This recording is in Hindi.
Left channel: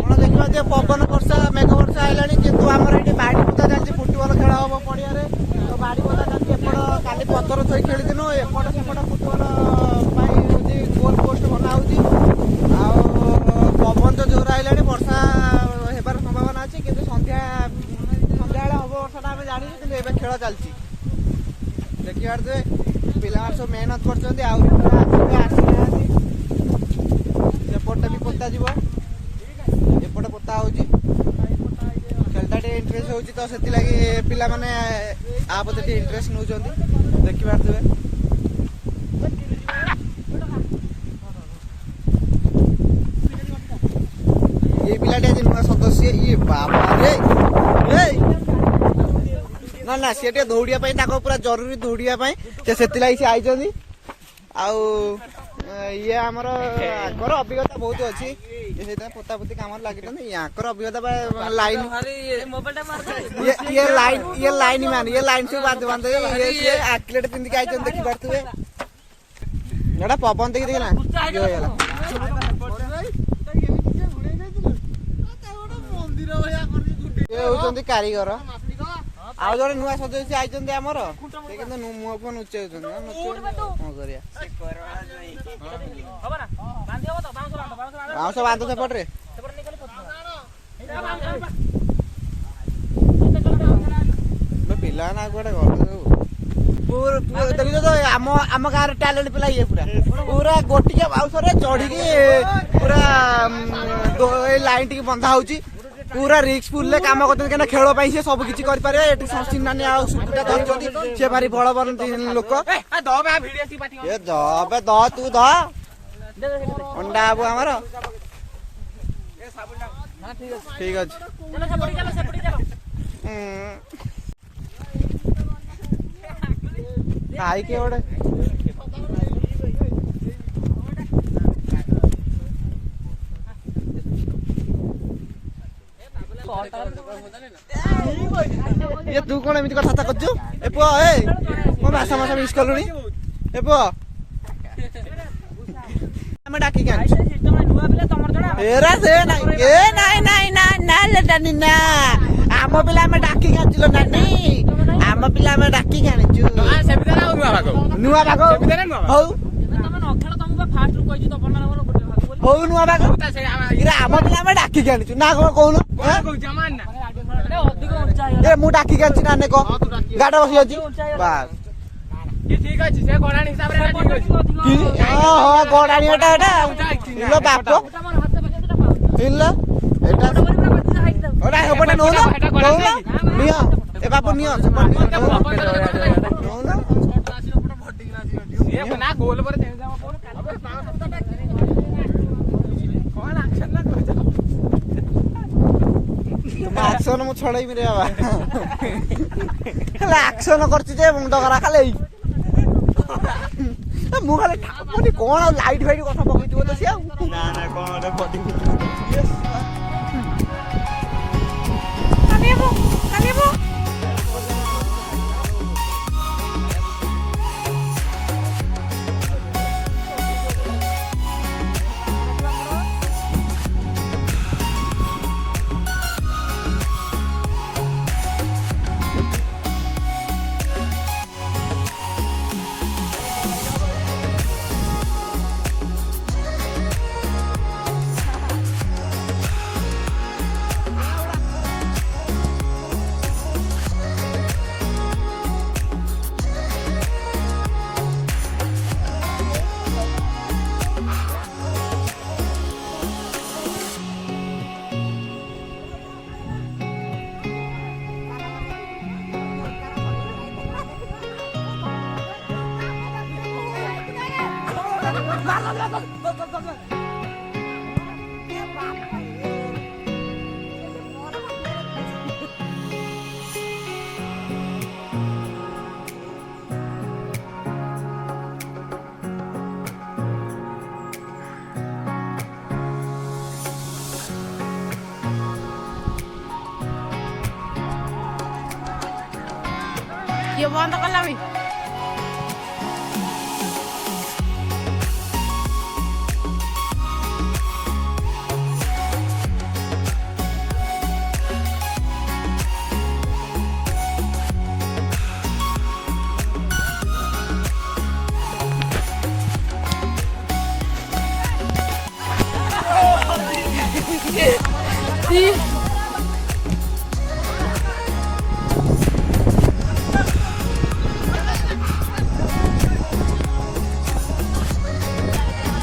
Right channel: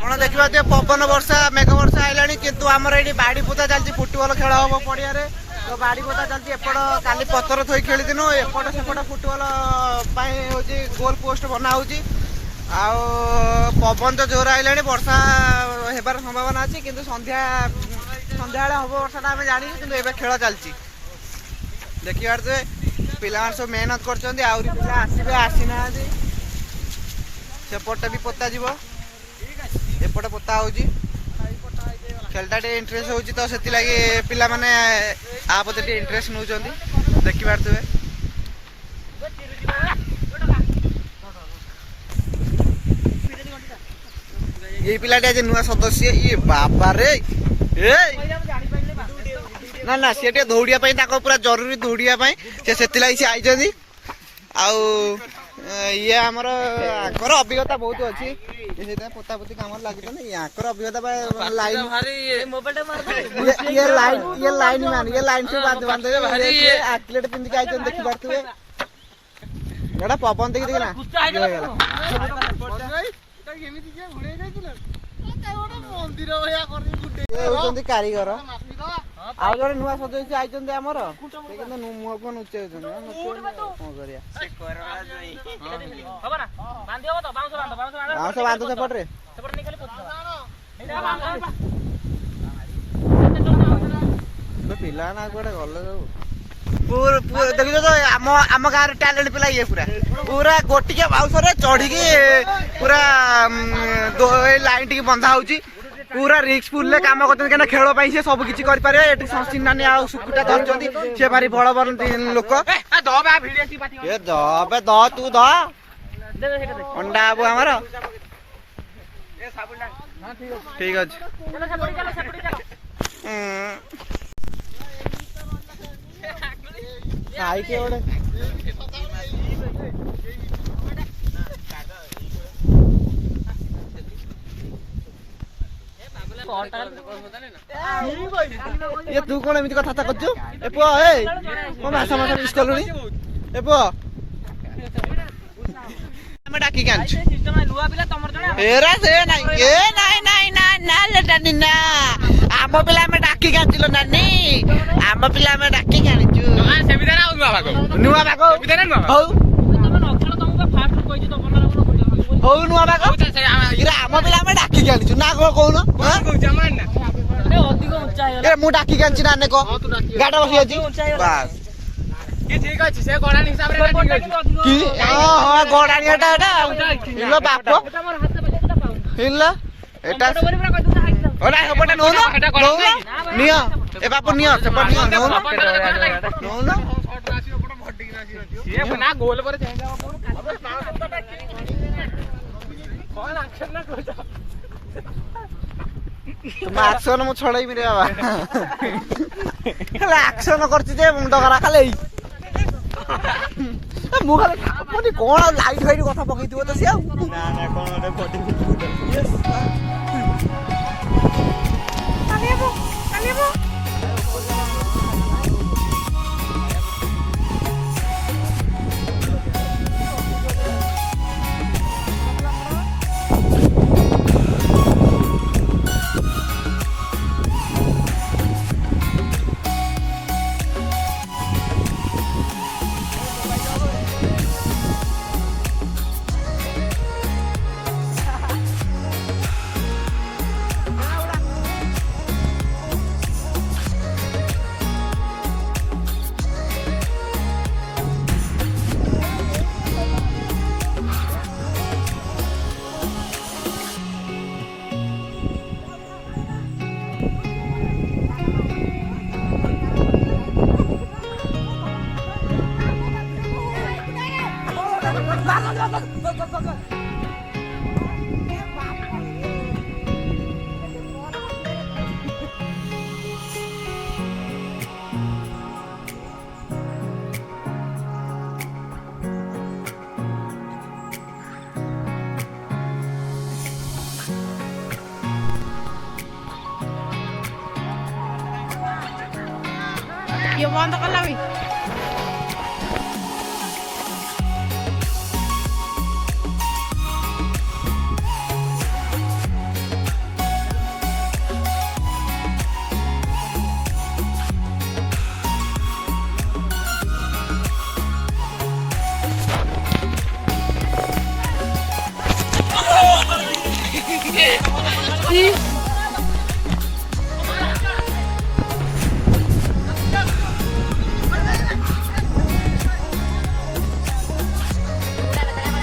ଆପଣ ଦେଖିବା ଯେ ପବନ ବର୍ଷା ମେଘ ବର୍ଷା ଆଇଲାଣି କିନ୍ତୁ ଆମର ଏଠି ବାଡ଼ି ପୋତା ଚାଲିଛି ଫୁଟବଲ ଖେଳ ହବ ପଡ଼ିଆରେ ତ ବାଡ଼ି ପୋତା ଚାଲିଛି ଏପଟ କାଲି ପଥର ଥୋଇ ଖେଳିଦିନୁ ଏପଟ ସେପଟ ଫୁଟବଲ ପାଇଁ ହେଉଛି ଗୋଲ ପୋଷ୍ଟ ବନା ହେଉଛି ଆଉ ପବନ ତ ଜୋର ଆଇଲାଣି ବର୍ଷା ହେବାର ସମ୍ଭାବନା ଅଛି କିନ୍ତୁ ସନ୍ଧ୍ୟାବେଳେ ହବ ବର୍ଷାଟା ଆମେ ଜାଣିଛୁ କିନ୍ତୁ ଏବେ ଖେଳ ଚାଲିଛି ଦେଖିପାରୁଥିବେ ପିଲାମାନେ ସବୁ ମେହନତ କରୁଛନ୍ତି ଆହୁରି ପିଲା ଆସିବେ ଆସିନାହାନ୍ତି ସେପଟେ ବି ପୋତା ଯିବ ଏପଟେ ପୋତା ହେଉଛି ଖେଳଟା ଟିକେ ଇଣ୍ଟରେଷ୍ଟ ହେଉଛି ତ ସେଥିଲାଗି ପିଲାମାନେ ଆ ପ୍ରତି ଟିକେ ଇଣ୍ଟରେଷ୍ଟ ନେଉଛନ୍ତି ଦେଖିପାରୁଥିବେ ये पिलाटी आज नुआ सदस्य ये बाबारे ना ना सी दौड़िया पूरा जरूरी दौड़िया से आई ये आमर आकर अभिज्ञता बहुत अच्छी पोतापोती काम लगे याकर अभिज्ञता लाइन ये लाइन से बांधे आकलेट पिंधिक आई देखी पारे पवन देखी ना कारीगर आउ जड़े नुआ सदस्य आई आमर मुह को नुचे कौन बाउंस बांध सेपटे पिला ना कौटे देख तो आम गाँव टैलेंट पिला ये पूरा पूरा गोटिया बाउंस चढ़ी पूरा लाइन टी बंधा हो पूरा रिस्कफुल काम करते खेल से सब किसी करें संस्थित नानी सुकुटा धरती सी भारी बड़ बड़ लोक द तू द अंडा बाबू आमर ठीक अच्छे आई के गोटे ये तू कौन एमती कथा कर मासा मासा मिस कलुनी ए पुआ डाकी आम पिला डाकी आंचल नानी आम पिला डाकी आनीचु नुआ भाग हौ नुआ भाग आम पिला डाकी आनीचु ना कौन मु डाकी आनी नाने को गाड़ बस बस गड़ाणीटा बाप एपटे नौ निय ए बापू निय आक्शन मु छड़ेमी रे बाबा आक्शन कर मुंड खरा खाली मुझे कौन लाइट फाइट कथा पकई तो सी ये बंद कला भी ଚାଲିଛି।